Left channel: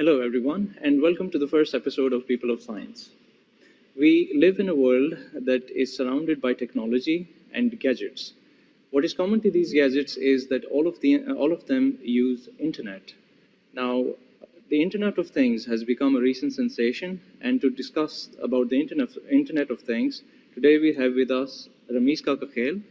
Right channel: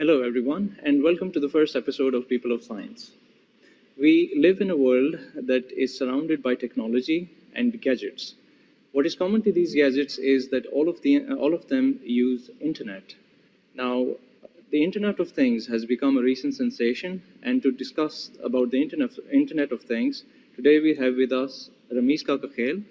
Hello, everyone, and welcome to the first episode of People of Science. We live in a world that is surrounded by technology and gadgets. What is common to these gadgets is that all of them use internet. Now, the Internet of Things has become a recent sensation, and to discuss about the Internet of Things, today we have with us Rameez Kakakhel.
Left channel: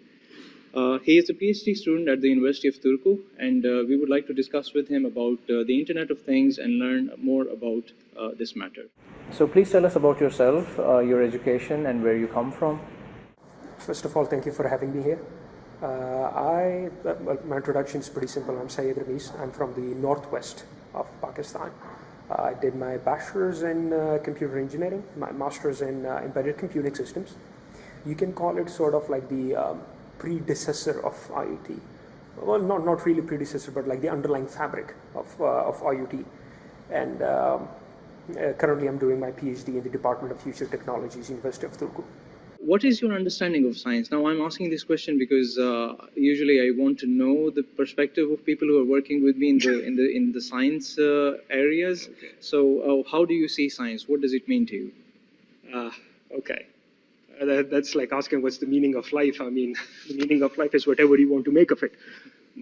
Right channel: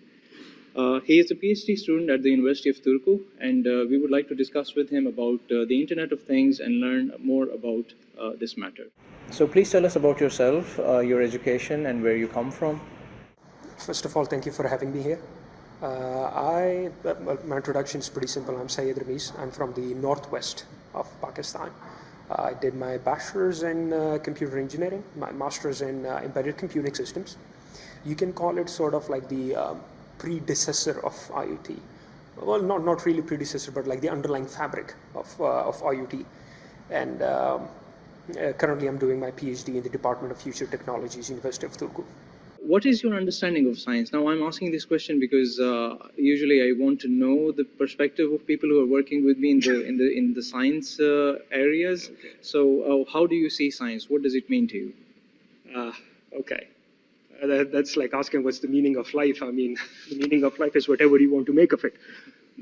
He is a PhD student at the University of Turku, and we would like to discuss with him about the Internet of Things and learn more about this matter. So please tell us about yourself, your education, and where you come from. First of all, thank you for having me here. My introduction is pretty simple. I'm Syed Rameez. I'm from the northwest of Pakistan. I did my bachelor's in computer engineering, my master's in embedded computing systems. You can call it sort of like the predecessor of IoT. Well, not really predecessor, but like the underlying fabric of IoT. And currently I'm doing my PhD in the Department of Future Technologies, University of Turku. What is your understanding of science? Now, I'm asking this question because usually I want to know the perspective of people who are working with me in the science areas. Okay. So, how do you see science? What does it mean to you? Okay. That's like asking what's the meaning of life. I mean, the meaning of life is whatever you want to make of it.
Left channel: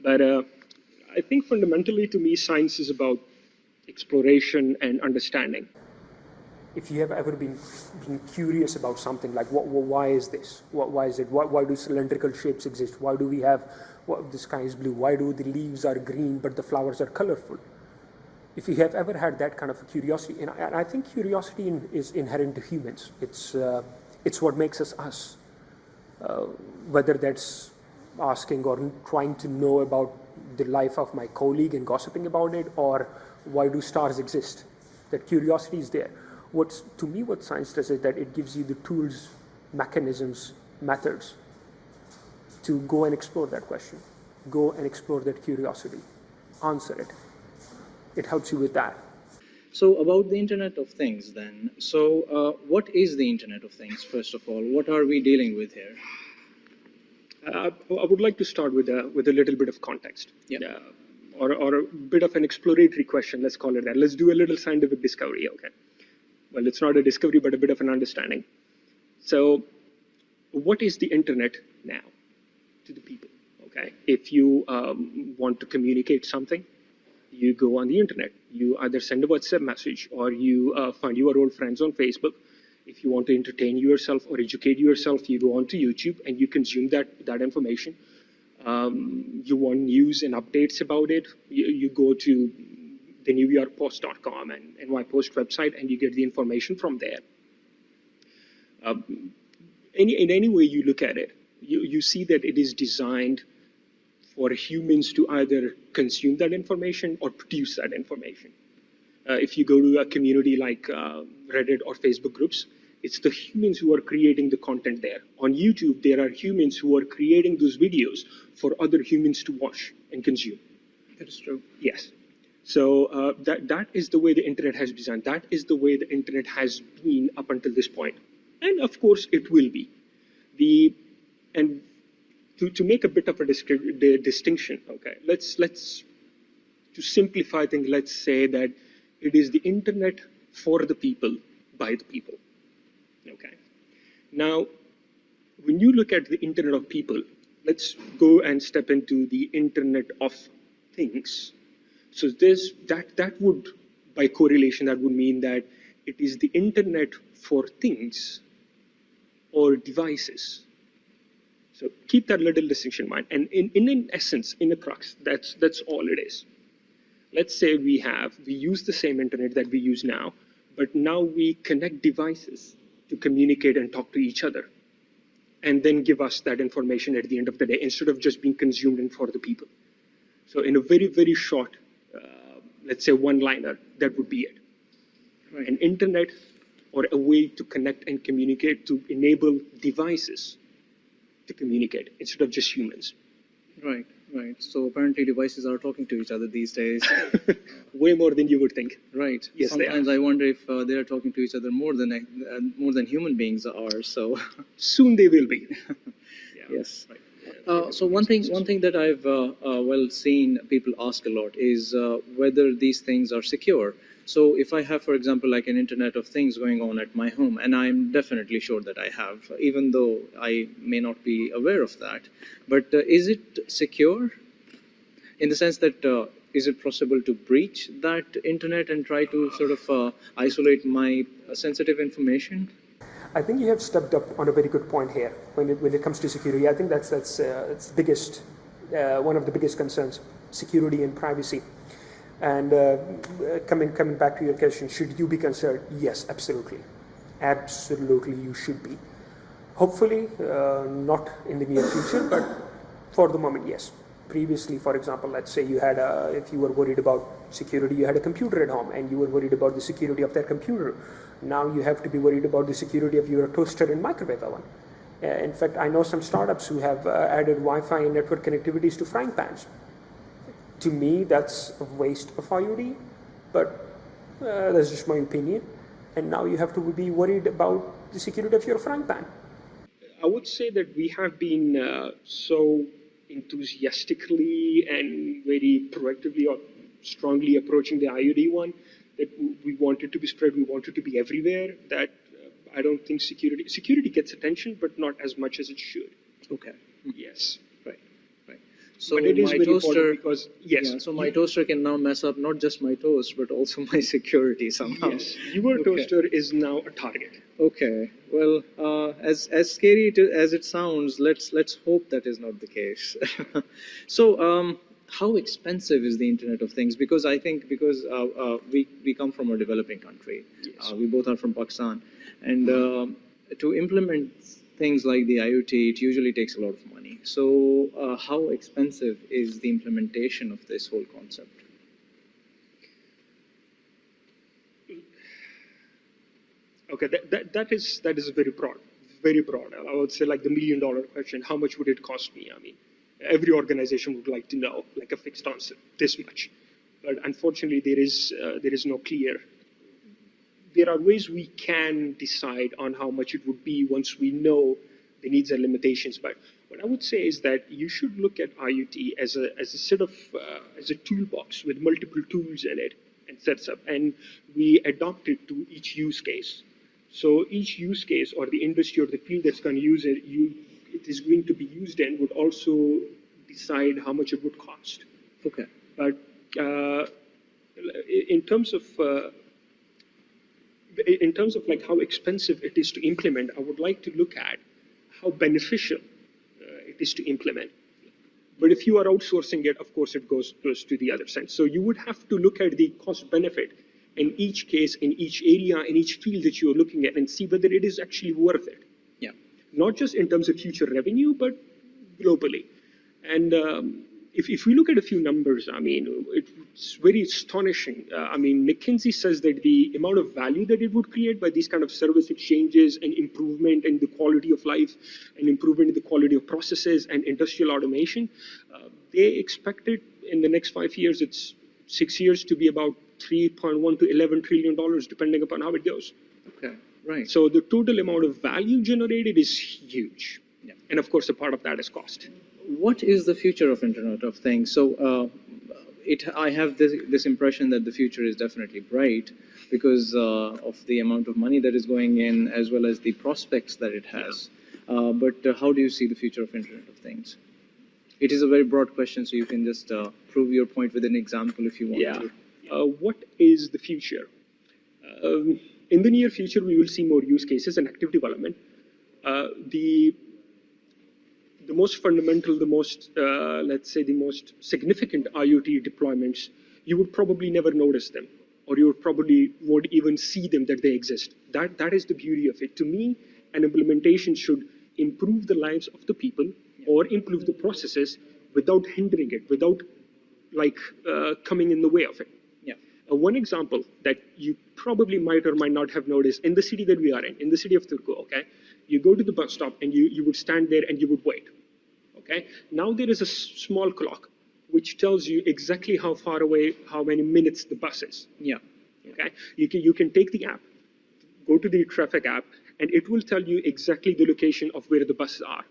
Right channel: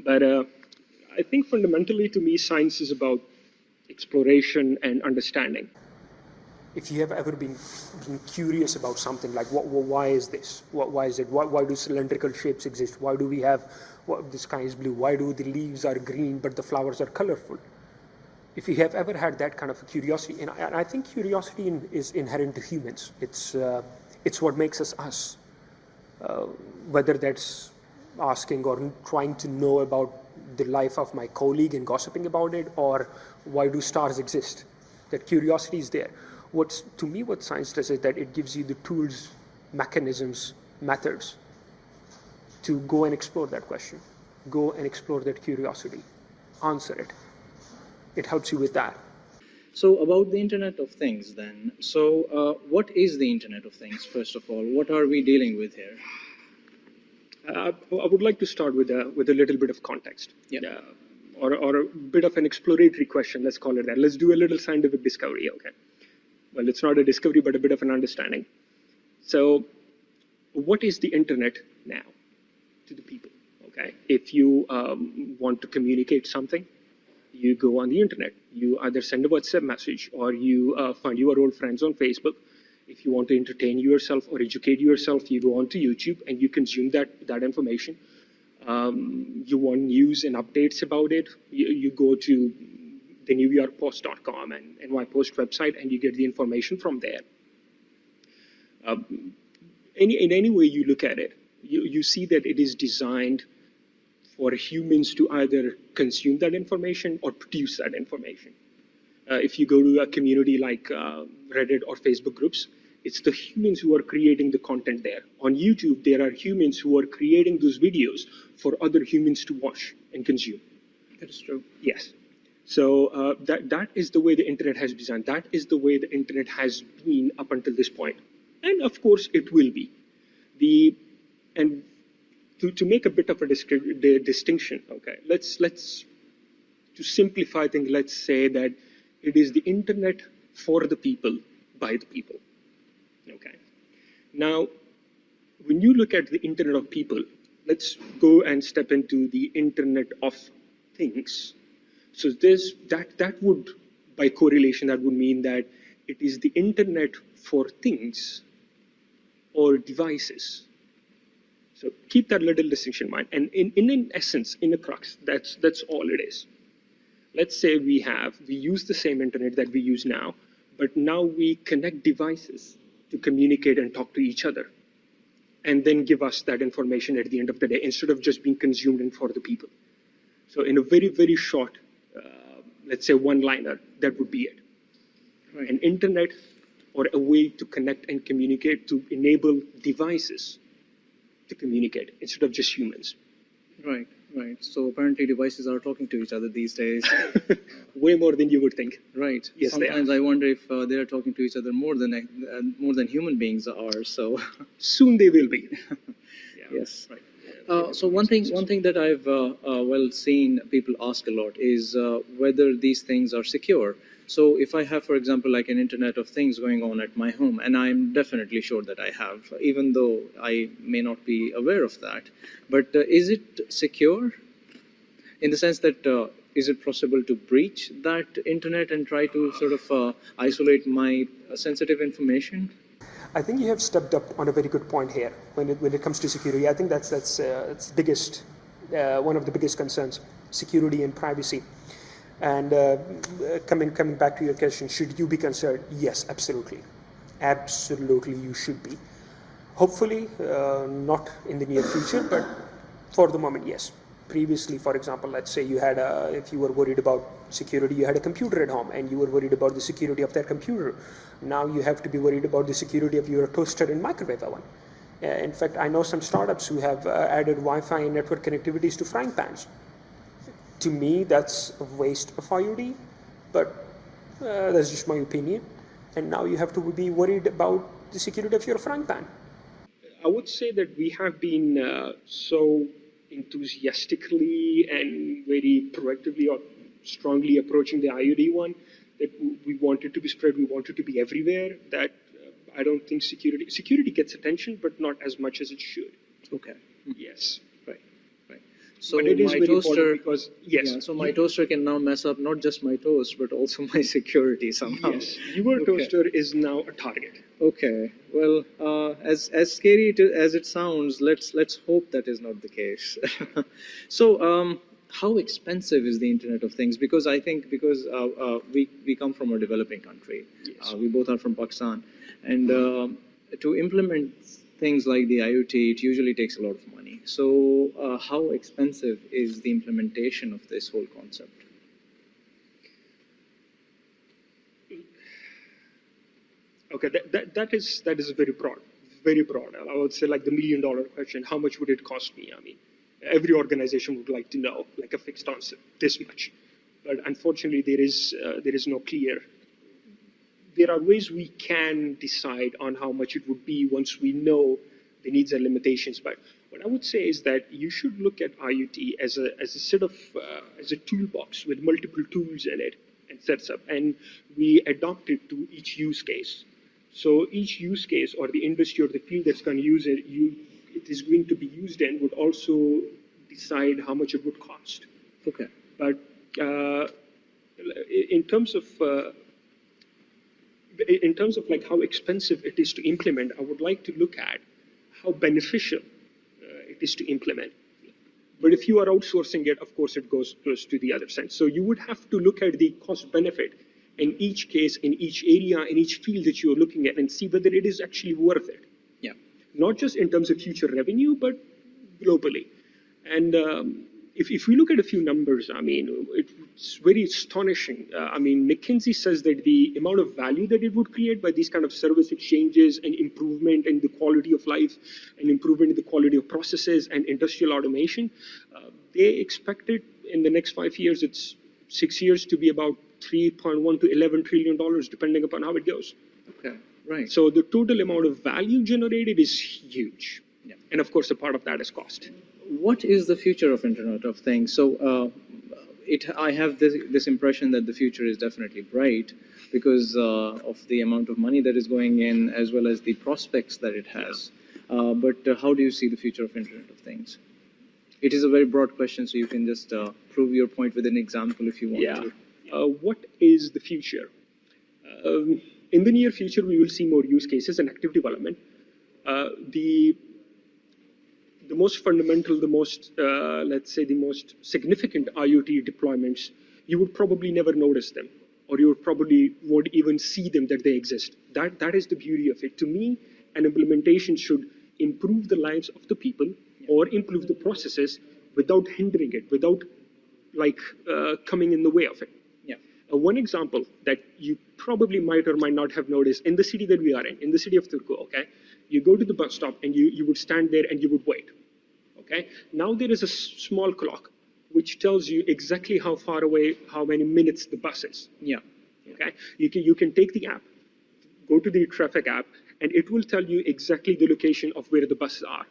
But I think fundamentally to me, science is about exploration and understanding. If you have ever been curious about something like why is this? Why is it? Why do cylindrical shapes exist? Why do we have the sky is blue? Why do the leaves are green but the flowers are colorful? If you have ever had that kind of a curiosity, and I think curiosity is inherent to humans. It's what makes us us. Whether that's asking or trying to know about the life of my colleague and gossiping about it, or why do stars exist? That curiosity is there. What science does is that it gives you the tools, mechanisms, methods to go and explore that question, go and explore that curiosity, answer it. It helps you with that. So, about the Internet of Things, then. So, what is the Internet of Things, first of all? What are we dealing with here? I would like to start with a little bit of context. Yeah. Or a bit of an exploratory question, let's call it that. Let's do a little scientific discovery, okay? Well, it's not a discovery, but a bit of an understanding. So, what is the internet now to the people, okay? If you want to communicate something, you go on the internet. You either send a WhatsApp message or you find your old friends on Facebook. If you want to entertain yourself or educate yourself, you go onto YouTube and you consume that information. You want news and updates about it, you go to the NewYorkPost.com and NYPost website, and you get the information from there. In any way you look at it, you see that it is designed for humans to either consume that information or produce that information. If you go to a community like Reddit or Facebook groups, it's the humans who are creating the content there. On YouTube, there are humans who are creating those videos for other humans to watch and consume. That's true. Yes. So that is the way the internet has been designed. That is the way the internet has been up until this point. And of course, it will be. And to make a bit of a distinction, okay, let's to simplify things, let's say that it is the internet for the people, by the people. Okay. Now, when you look at the internet of people, let's go and step into the internet of things. So that would, by correlation, that would mean that it is the internet for things or devices. So keep that little distinction in mind. And in essence, in a crux, that's all it is. Let's say we use the same internet that we use now, but now we connect devices to communicate and talk to each other, and then give us that information at the end of the day, instead of just being consumed in for the people. So in a very, very short, let's say one-liner, that would be it. Right. An internet or a way to connect and communicate to enable devices to communicate instead of just humans. Right. So apparently devices are talking to each other these days. Way more than you would think. Right. Yes, sometimes I wonder if they are talking to each other more than human beings are. So soon they will be. Yes. Right. So one thing that I've seen people ask a lot is whether these things are secure. So if I have, for example, like an Internet of Things going on at my home, and I'm definitely sure that I have, even though I may not be aware of that, but is it secure in the sense that is it possible to breach that internet and try to sort of isolate my sensitive information? I think you have stepped up on a very good point here when it comes to security. I think that's biggest one of the biggest concerns, security and privacy. And coming back to your question, should you be concerned? Yes, absolutely, absolutely, you should be. Hopefully, not in the near future, but for the moment, yes. Previously, for example, let's say you had if you were worried about security, you had a computer at home and you were worried about the security of that computer. Now you have to be worried about the security of your toaster and microwave oven. In fact, I know some startups who have added Wi-Fi and network connectivities to frying pans. To me, that's a waste of IoT, but that's just my opinion. And now you have to be worried about the security of your frying pan. I would say that we have been so enthusiastically and very proactively or strongly approaching the IoT one that we want it to be spread, we want it to be everywhere, that I don't think security gets attention, but not as much as it should. Okay. Yes. Right. Right. So But it is my very toaster, important because, yes. yeah, so my toaster can now mess up not just my toast, but also my security somehow. Yes, your Okay. toaster is now a target. Okay. Well, as scary as it sounds, let's hope that is not the case. So, how expensive is the Internet of Things? Because I think because we come from a developing country, Yes. we both are from Pakistan, and to implement things like the IoT, it usually takes a lot of money. So, how expensive is the implementation of this whole concept? Okay, that is very broad, very broad. I would say like the $1 million question: how much would it cost me? I mean, every organization would like to know, like a fixed answer, this much. But unfortunately, there is no clear. There are ways we can decide on how much it would be once we know the needs and limitations. But what I would say is that you should look at IoT as a set of as a toolbox with multiple tools in it and sets up, and we adopt it to each use case. So each use case or the industry or the field that's going to use it, it is going to be used in would also decide how much it would cost. Okay. But in terms of like how expensive it is to implement, I would like to look at how beneficial it is to implement. But if you are outsourcing it, of course, it goes to the other side. So you would have to look at the cost benefit in each case, in each area, in each field that you are looking at, and see whether it is actually worth it. Yeah. Not just in terms of future revenue, but globally. And if we look at a few numbers, I mean, it's very astonishing. I mean, McKinsey says that the amount of value that it would create by these kind of service exchanges and improvement in the quality of life and improvement in the quality of processes and industrial automation, they expect it in the next 5 years, it's 6 years, to be about 3.1 to $11 trillion, depending upon how it goes. Okay. Right. So the total amount of value generated is huge. Yeah. And of course, a part of that is cost. What is the future of Internet of Things? So, I have this impression that the future is definitely bright because of the amount of money that is going in, as well as the prospects that it has. But how do you see the future of Internet of Things? It is a very broad question, so you can just prove your point with an example if you want Yeah. to. What is the future? In the near future, we will see more use cases and active development. The most fundamental, the most, let's say, the most significant IoT deployments, you would probably never notice them, or you would probably won't even see them that they exist. That is the beauty of it. To me, an implementation should improve the lives of the people or improve the processes without hindering it, without like coming in the way of it. Yeah. One example that you probably might or might not have noticed in the city that we are in the city of Turku, okay, you go to the bus stop and you would stand there and you would wait. Okay. Now there is a small clock which tells you exactly how far away, how many minutes the bus is. Yeah. Okay. You can take the app, go to the traffic app, and it will tell you exactly the location of where the buses are.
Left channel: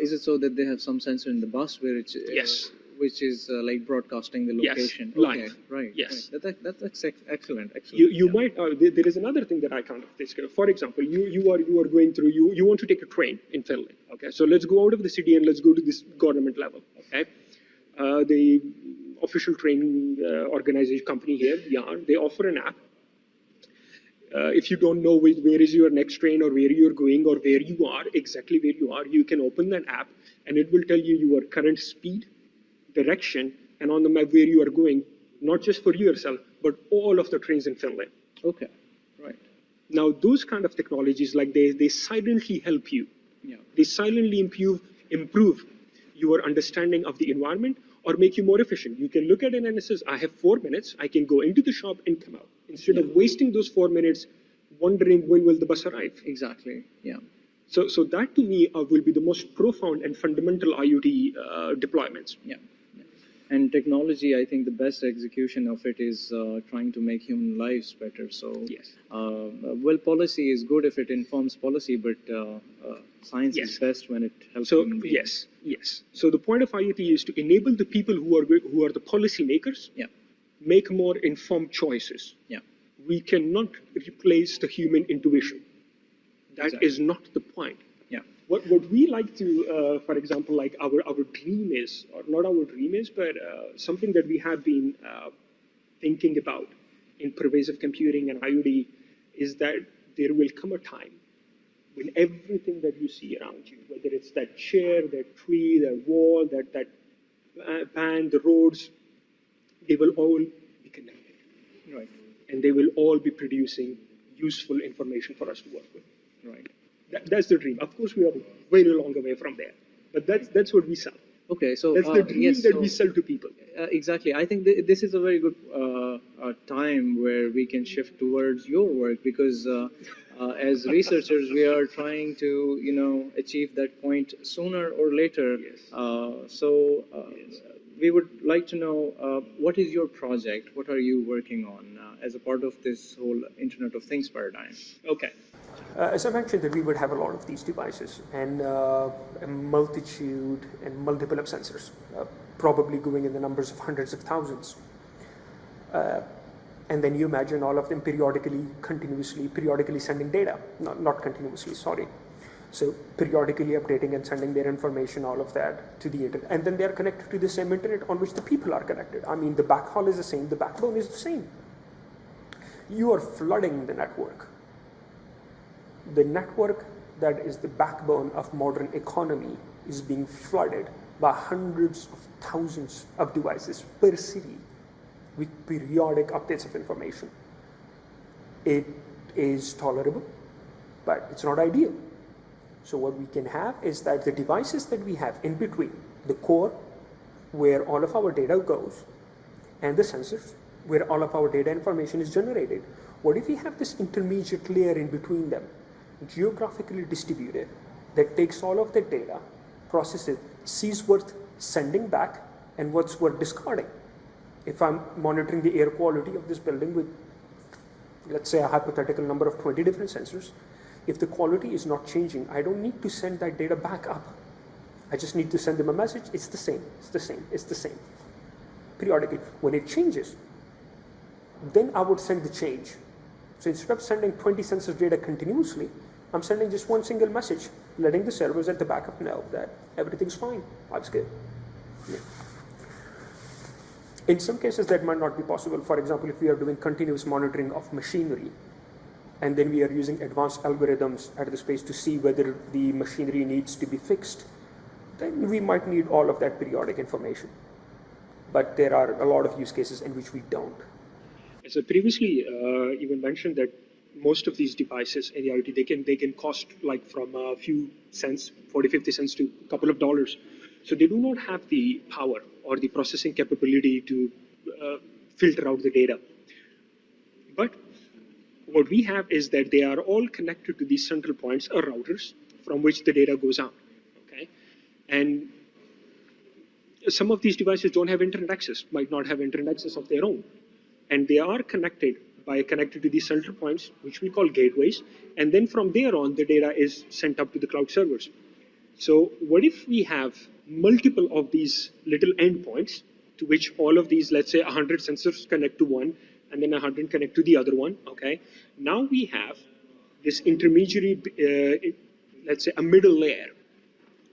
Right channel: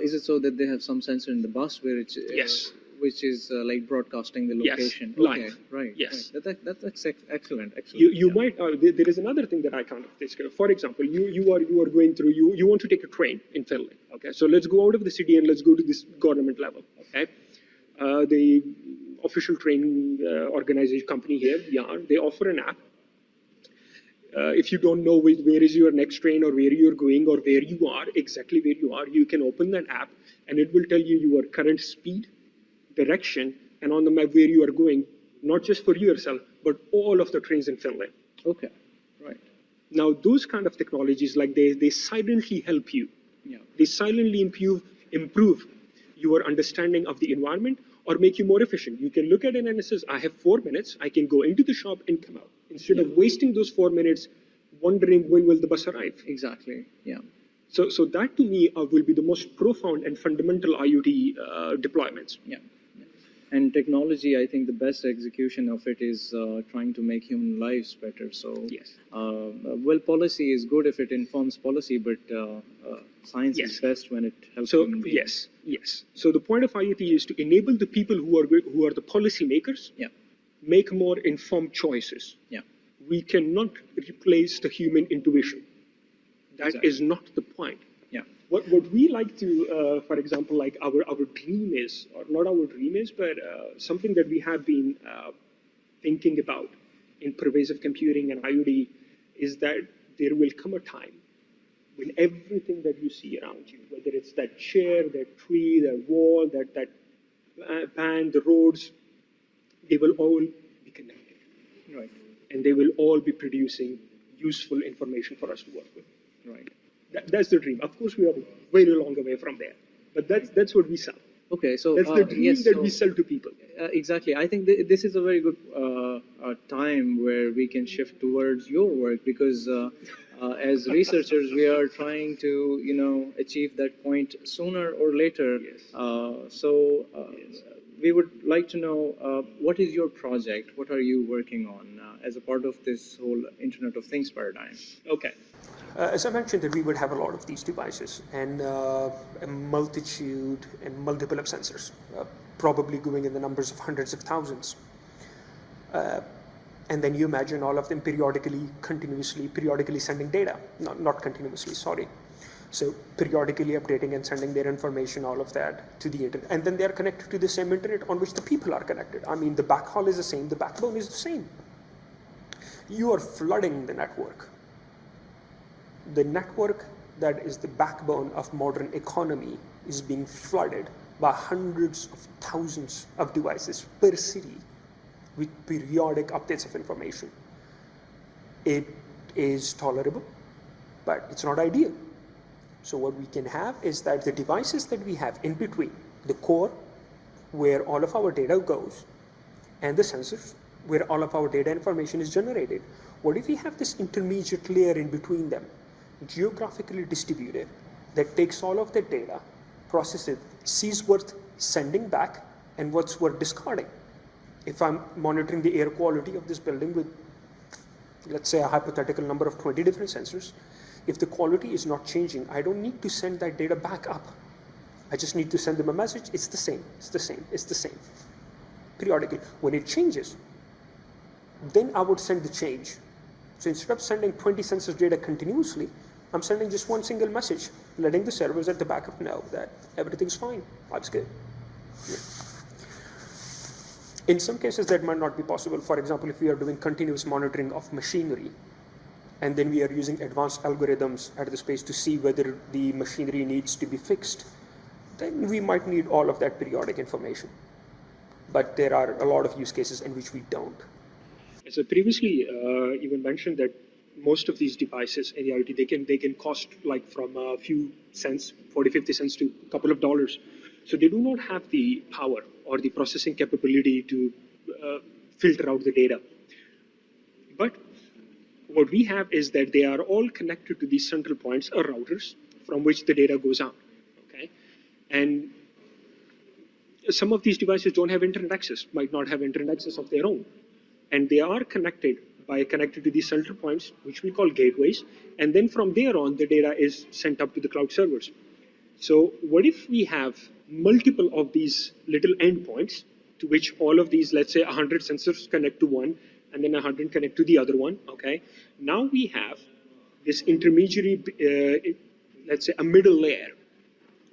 Is it so that they have some sensor in the bus where it's Yes. which is like broadcasting the Yes, location. live. Okay, right. Yes. Right. That's excellent. Excellent. You Yeah. might there is another thing that I kind of discovered. For example, you are going through you want to take a train in Finland. Okay, so let's go out of the city and let's go to this government level. Okay, the official train organization company here, yeah, they offer an app. If you don't know where is your next train or where you're going or where you are, exactly where you are, you can open that app and it will tell you your current speed, direction, and on the map where you are going, not just for yourself, but all of the trains in Finland. Okay. Right. Now, those kind of technologies, like they silently help you. Yeah. They silently improve your understanding of the environment or make you more efficient. You can look at it and it says, I have 4 minutes, I can go into the shop and come out. Instead of wasting those 4 minutes wondering when will the bus arrive. Exactly. Yeah. So that to me will be the most profound and fundamental IoT deployments. Yeah. And technology, I think the best execution of it is trying to make human lives better. So, Yes. Well, policy is good if it informs policy, but science Yes. is best when it helps So human beings. yes. So the point of IoT is to enable the people who are the policy makers Yeah. make more informed choices. Yeah. We cannot replace the human intuition. That Exactly. is not the point. Yeah. What we like to, for example, like our dream is, or not our dream is, but something that we have been thinking about in pervasive computing and IoT is that there will come a time when everything that you see around you, whether it's that chair, that tree, that wall, that pan, the roads, they will all be connected. Right. And they will all be producing useful information for us to work with. Right. That's the dream. Of course, we are very long away from there, but that's what we sell. Okay. So That's the dream yes. that we So, sell to people. exactly. I think this is a very good time where we can shift towards your work because as researchers, we are trying to, achieve that point sooner or later. Yes. We would like to know what is your project? What are you working on as a part of this whole Internet of Things paradigm? Okay. As I mentioned, that we would have a lot of these devices and a multitude and multiple of sensors, probably going in the numbers of hundreds of thousands. And then you imagine all of them periodically sending data. Not continuously, sorry. So periodically updating and sending their information, all of that to the internet. And then they are connected to the same internet on which the people are connected. I mean, the backhaul is the same, the backbone is the same. You are flooding the network. The network that is the backbone of modern economy is being flooded by hundreds of thousands of devices per city with periodic updates of information. It is tolerable, but it's not ideal. So what we can have is that the devices that we have in between, the core, where all of our data goes, and the sensors, where all of our data information is generated. What if we have this intermediate layer in between them, geographically distributed, that takes all of the data, processes it, sees what's sending back and what's worth discarding? If I'm monitoring the air quality of this building with, let's say, a hypothetical number of 20 different sensors, if the quality is not changing, I don't need to send that data back up. I just need to send them a message. It's the same, it's the same, it's the same. Periodically. When it changes, then I would send the change. So instead of sending 20 sensors data continuously, I'm sending just one single message, letting the servers at the backup know that everything's fine, that's good. Yeah. In some cases, that might not be possible. For example, if we are doing continuous monitoring of machinery, and then we are using advanced algorithms at the space to see whether the machinery needs to be fixed, then we might need all of that periodic information. But there are a lot of use cases in which we don't. So previously, even mentioned that most of these devices in the IoT, they can cost like from a few cents, 40, 50 cents to a couple of dollars. So they do not have the power or the processing capability to filter out the data. But what we have is that they are all connected to these central points or routers from which the data goes out. Okay, and some of these devices don't have internet access, might not have internet access of their own, and they are connected to these central points, which we call gateways, and then from there on, the data is sent up to the cloud servers. So what if we have multiple of these little endpoints to which all of these, let's say 100 sensors connect to one, and then 100 connect to the other one, okay? Now we have this intermediary, let's say a middle layer.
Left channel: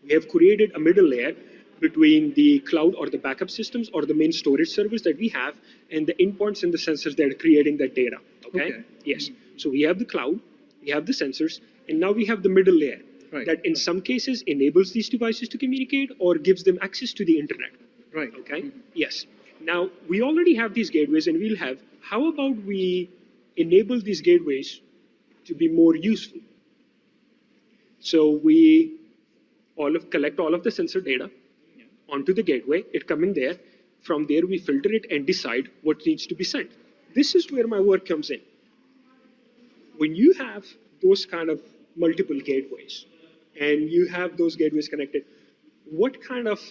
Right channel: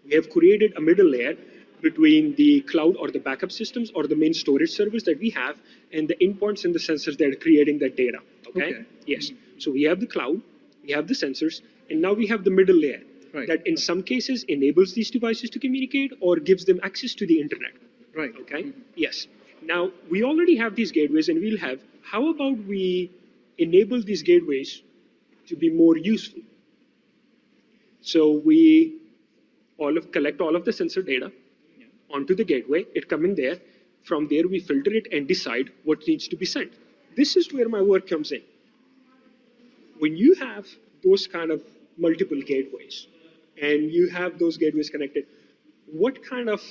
We have created a middle layer between the cloud or the backup systems or the main storage service that we have and the endpoints and the sensors that are creating that data, okay? Yes, so we have the cloud, we have the sensors, and now we have the middle layer that in some cases enables these devices to communicate or gives them access to the internet. Right. Okay. Yes. Now we already have these gateways, and we'll have. How about we enable these gateways to be more useful? So we collect all of the sensor data onto the gateway. It coming there. From there, we filter it and decide what needs to be sent. This is where my work comes in. When you have those kind of multiple gateways, and you have those gateways connected, what kind of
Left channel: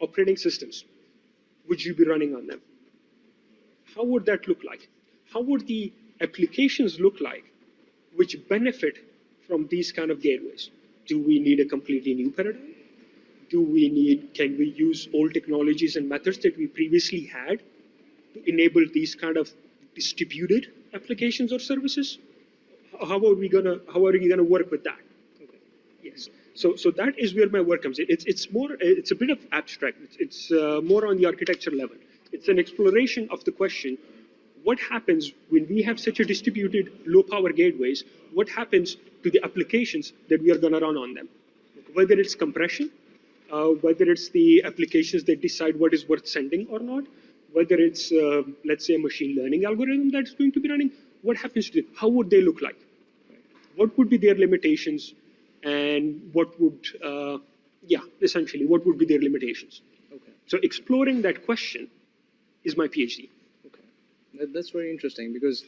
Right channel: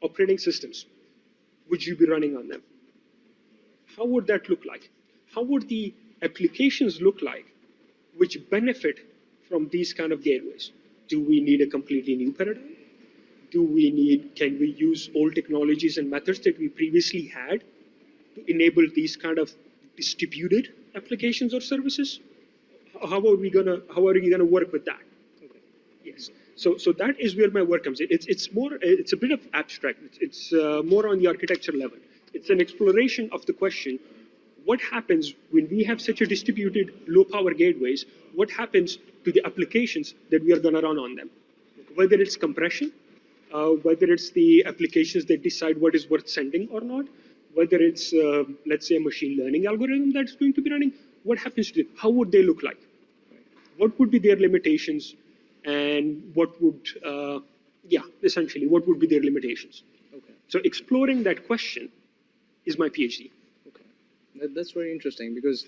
operating systems would you be running on them? How would that look like? How would the applications look like which benefit from these kind of gateways? Do we need a completely new paradigm? Can we use old technologies and methods that we previously had to enable these kind of distributed applications or services? How are we gonna work with that? Yes. So that is where my work comes in. It's a bit of abstract. It's more on the architecture level. It's an exploration of the question: what happens when we have such a distributed low-power gateways? What happens to the applications that we are going to run on them? Whether it's compression, whether it's the applications that decide what is worth sending or not, whether it's let's say a machine learning algorithm that's going to be running. What happens to it? How would they look like? What would be their limitations, and what would, essentially, what would be their limitations? Okay. So exploring that question is my PhD. Okay, that's very interesting because,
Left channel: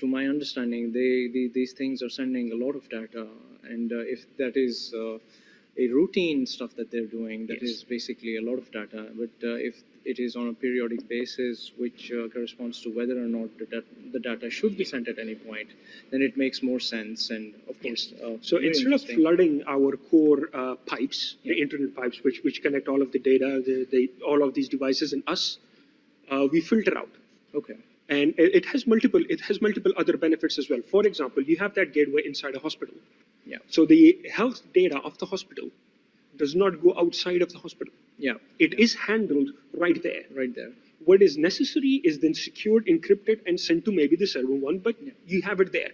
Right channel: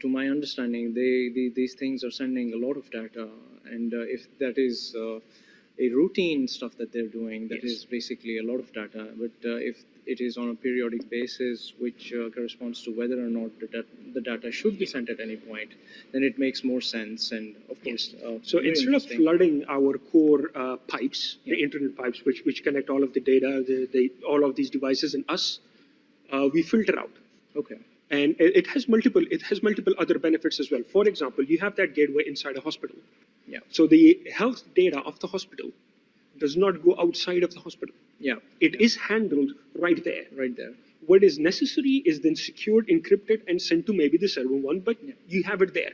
to my understanding, these things are sending a lot of data, and if that is a routine stuff that they're doing, that is basically a lot of data. But if it is on a periodic basis, which corresponds to whether or not the data should be sent at any point, then it makes more sense. And of course, so instead of flooding our core pipes, the internet pipes, which connect all of the data, all of these devices and us, we filter out. Okay. And it has multiple other benefits as well. For example, you have that gateway inside a hospital. Yeah. So the health data of the hospital does not go outside of the hospital. Yeah. It is handled right there. Right there. What is necessary is then secured, encrypted, and sent to maybe the server one, but you have it there.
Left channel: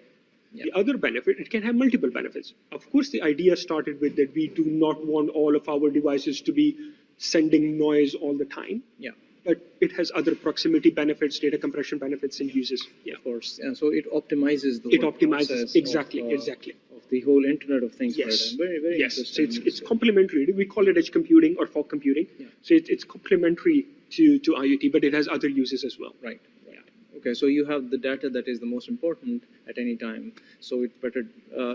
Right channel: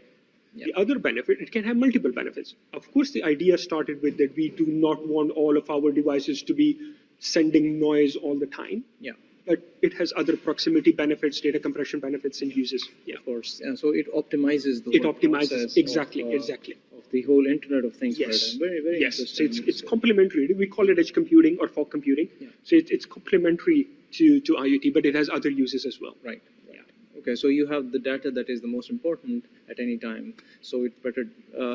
Yeah. The other benefit, it can have multiple benefits. Of course, the idea started with that we do not want all of our devices to be sending noise all the time. Yeah. But it has other proximity benefits, data compression benefits, and uses. Yeah. Of course. And so it optimizes the exactly. Of the whole Internet of Things. Yes. Very, very interesting. So it's complementary. We call it edge computing or fog computing. Yeah. So it's complementary to IoT, but it has other uses as well. Right. Yeah. Okay. So you have the data that is the most important at any time. So it better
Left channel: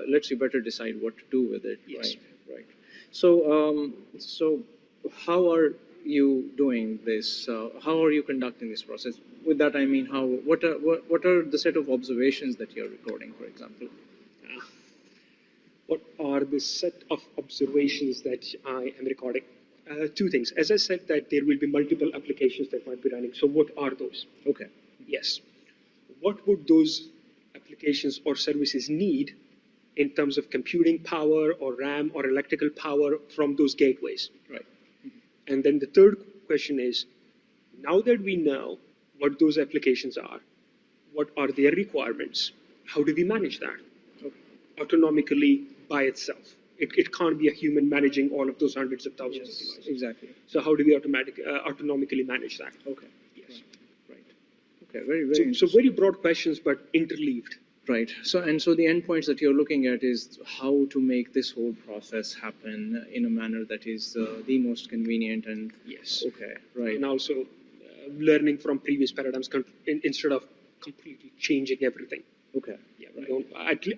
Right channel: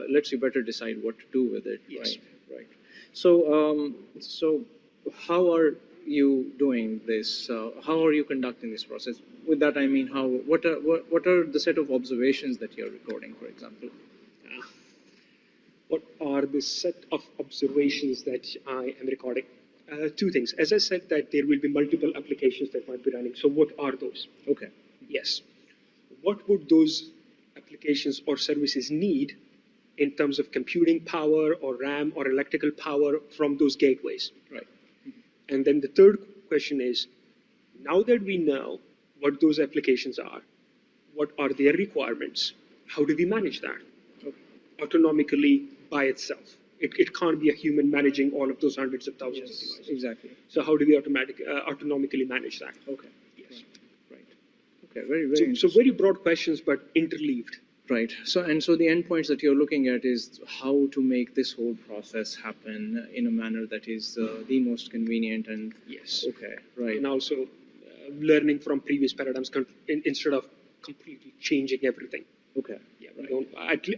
lets you better decide what to do with it. Yes. Right. So how are you doing this? How are you conducting this process? With that, I mean, what are the set of observations that you're recording, for example? What are the set of observations that I am recording? Two things. As I said, that there will be multiple applications that might be running. So what are those? Okay. Yes. What would those applications or services need in terms of computing power or RAM or electrical power from those gateways? Right. And then the third question is, now that we know what those applications are, what are their requirements, how do we manage that? Okay. Autonomically by itself. It can't be a human managing all of those hundreds of thousands of devices. Exactly. So how do we autonomically manage that? Okay. Yes. Right. Okay. Very. So very broad questions, but interleaved. Right. So the endpoints that you're looking at is how to make this whole process happen in a manner that is the most convenient and. Yes. Okay. Right. And also learning from previous paradigms instead of completely changing everything. Okay. Yeah. Right.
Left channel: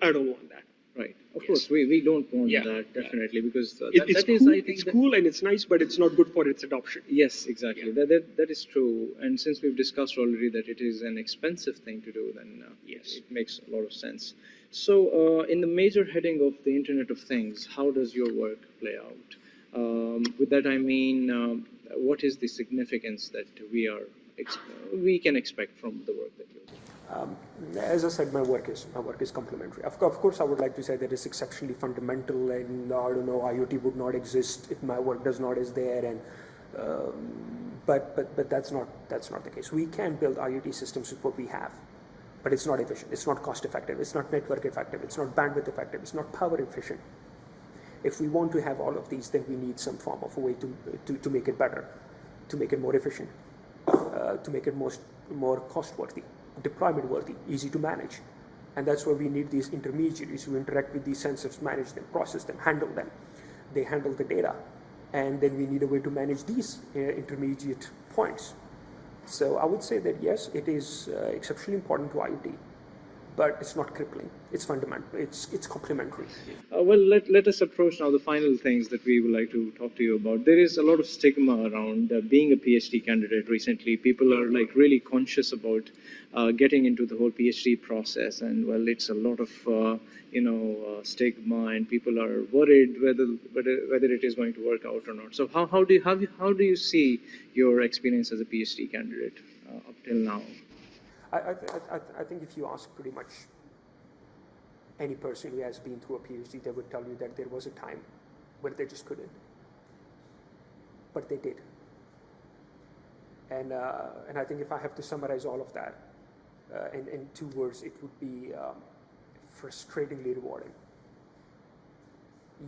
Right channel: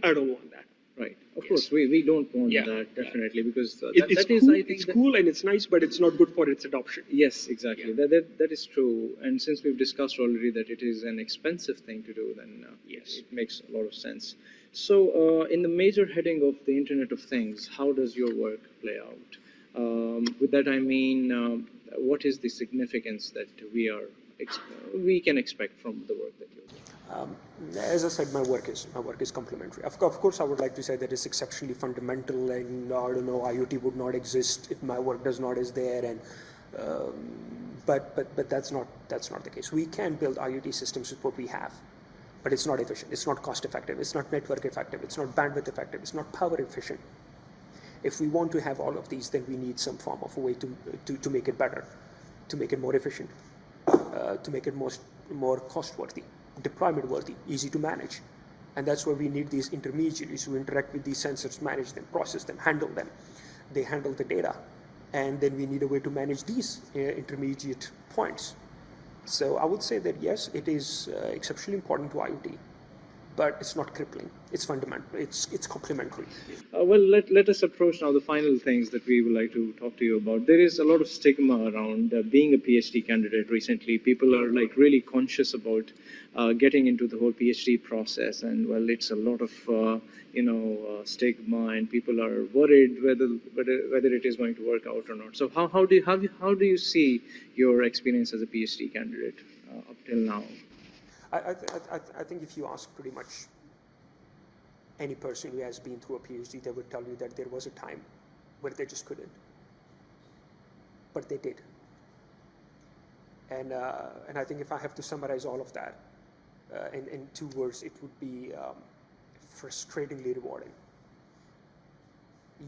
I don't want that. Right. Of course, we don't want that definitely because it's cool. It's cool and it's nice, but it's not good for its adoption. Yes, exactly. Yeah. That is true. And since we've discussed already that it is an expensive thing to do, then yes, it makes a lot of sense. So, in the major heading of the Internet of Things, how does your work play out? With that, I mean, what is the significance that we can expect from the work that you're doing? As I said, my work is complementary. Of course, I would like to say that it's exceptionally fundamental, and I don't know, IoT would not exist if my work does not is there, and but that's not the case. We can build IoT systems with what we have, but it's not efficient. It's not cost effective. It's not network effective. It's not bandwidth effective. It's not power efficient. If we want to have all of these, then we need some form of a way to make it better, to make it more efficient, to make it more cost-worthy, deployment-worthy, easy to manage. And that's why we need these intermediaries who interact with these sensors, manage them, process them, handle them. They handle the data. And then we need a way to manage these intermediate points. So I would say that yes, it is exceptionally important to IoT, but it's not crippling. It's fundamental. It's complementary. Well, let us approach now the final things that we would like to talk to you about. There is a lot of stigma around being a PhD candidate recently. People are like really conscious about getting into the whole PhD process, and well, it's a lot of stigma, and people are worried whether it is going to work out or not. So how do you see your experience as a PhD candidate up till now? I think if you ask pretty much any person who has been through a PhD, they would tell you that there was a time where they just couldn't, but they did. And I think if I have to summarize all of that in 2 words, it would be frustratingly rewarding.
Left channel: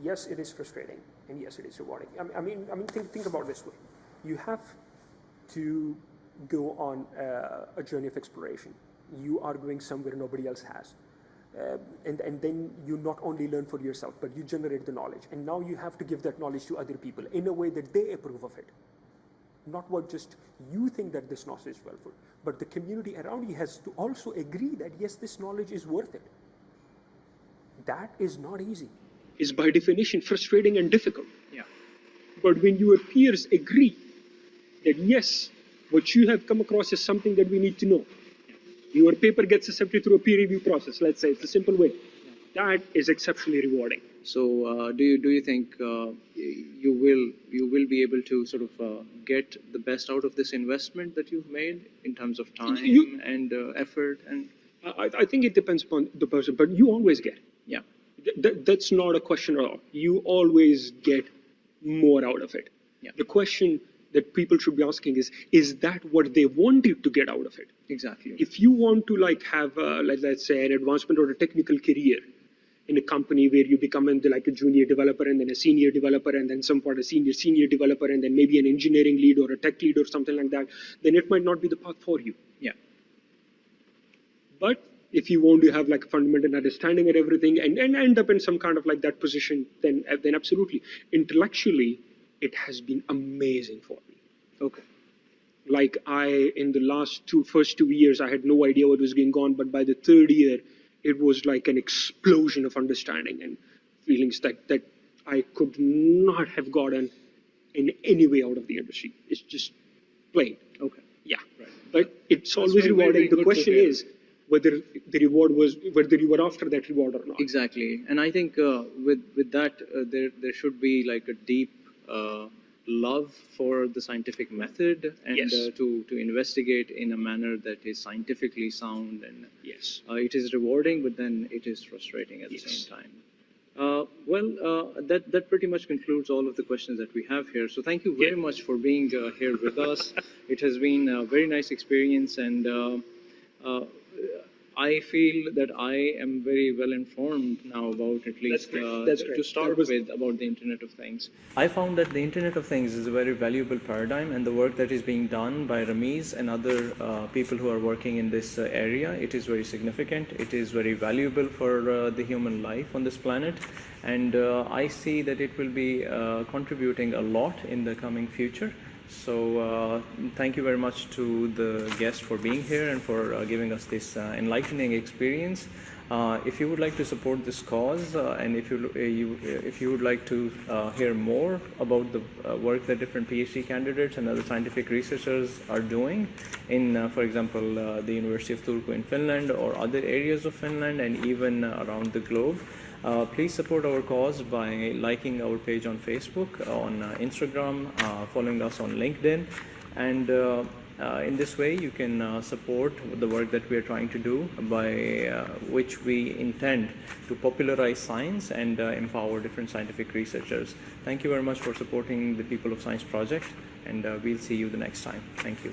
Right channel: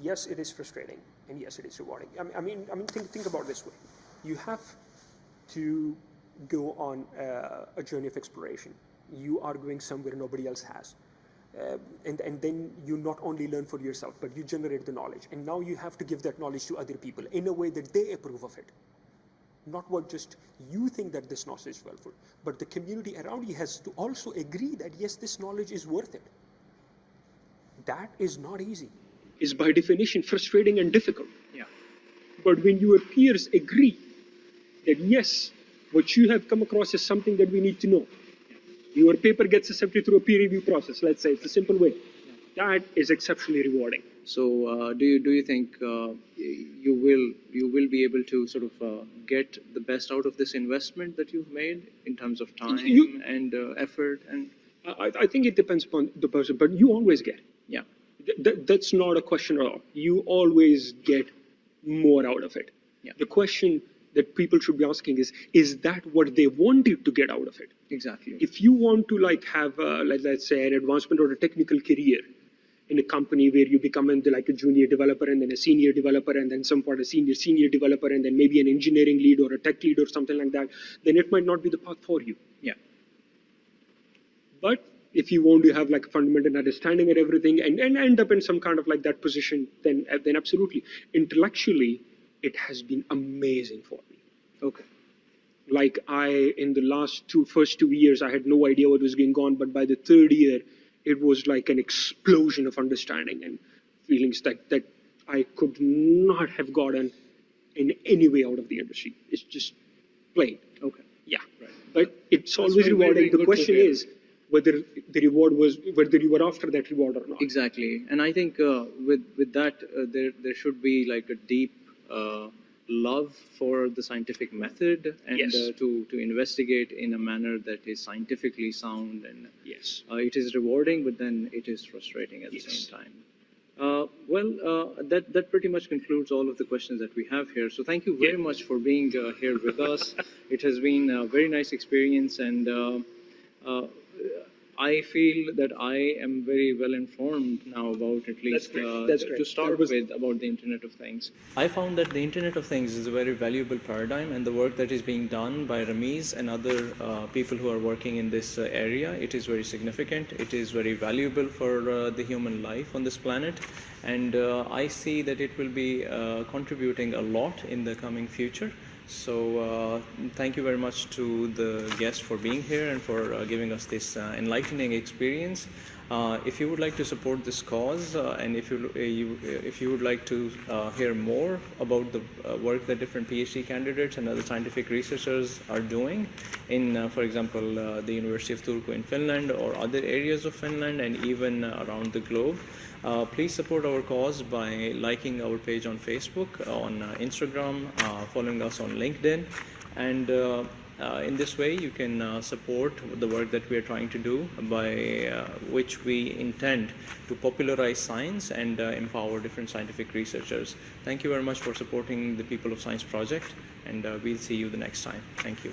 Yes, it is frustrating, and yes, it is rewarding. I mean, think about it this way: you have to go on a journey of exploration. You are going somewhere nobody else has. And then you not only learn for yourself, but you generate the knowledge. And now you have to give that knowledge to other people in a way that they approve of it. Not what just you think that this knowledge is helpful, but the community around you has to also agree that yes, this knowledge is worth it. That is not easy. Is by definition frustrating and difficult. Yeah. But when your peers agree that yes, what you have come across is something that we need to know, your paper gets accepted through a peer review process, let's say, it's a simple way. That is exceptionally rewarding. So do you think you will be able to sort of get the best out of this investment that you've made in terms of time and effort? And I think it depends upon the person, but you always get. yeah, That's not a question at all. You always get more out of it. Yeah. The question that people should be asking is that what they wanted to get out of it? exactly. If you want to like have, let's say, an advancement or a technical career in a company where you become like a junior developer and then a senior developer and then some part a senior developer and then maybe an engineering lead or a tech lead or something like that, then it might not be the path for you. Yeah. But if you want to have like a fundamental understanding and everything and end up in some kind of like that position, then absolutely. Intellectually, it has been amazing for me. Okay. Like in the first 2 years, I had no idea what was going on, but by the 3rd year, it was like an explosion of understanding and feelings that I could not have gotten in any way out of the industry. It's just plain. Okay. Yeah. Right. But it's always very, rewarding. very The good question to hear. is whether the reward was, whether you were after that reward or not. Exactly, and I think with that there should be like a deep love for the scientific method and Yes. to investigate in a manner that is scientifically sound, and Yes. it is rewarding, but then it is frustrating at the Yes. same time. That pretty much concludes all of the questions that we have here. So thank you very much for being here with us. It has been a very nice experience, and I feel that I am very well informed now about at least That's great. to start with about the Internet of Things. I found that the Internet of Things is a very valuable paradigm, and the work that is being done by Rameez and other people who are working in this area, it is very significant. It is very valuable for the human life on this planet, and I see that it will be contributing a lot in the coming future. So thank you very much to the guest for being here and for giving us this enlightening experience. If you would like to support this cause and if you would like to hear more about the work that different PhD candidates and other scientific researchers are doing in, for example, the University of Turku in Finland or other areas of Finland and even around the globe, Please support our cause by liking our page on Facebook, on Instagram, following us on LinkedIn, and in this way you can support the work that we are trying to do, by which we intend to popularize science and empower different scientific researchers. Thank you very much for supporting the People of Science project, and we'll see you the next time. Thank you.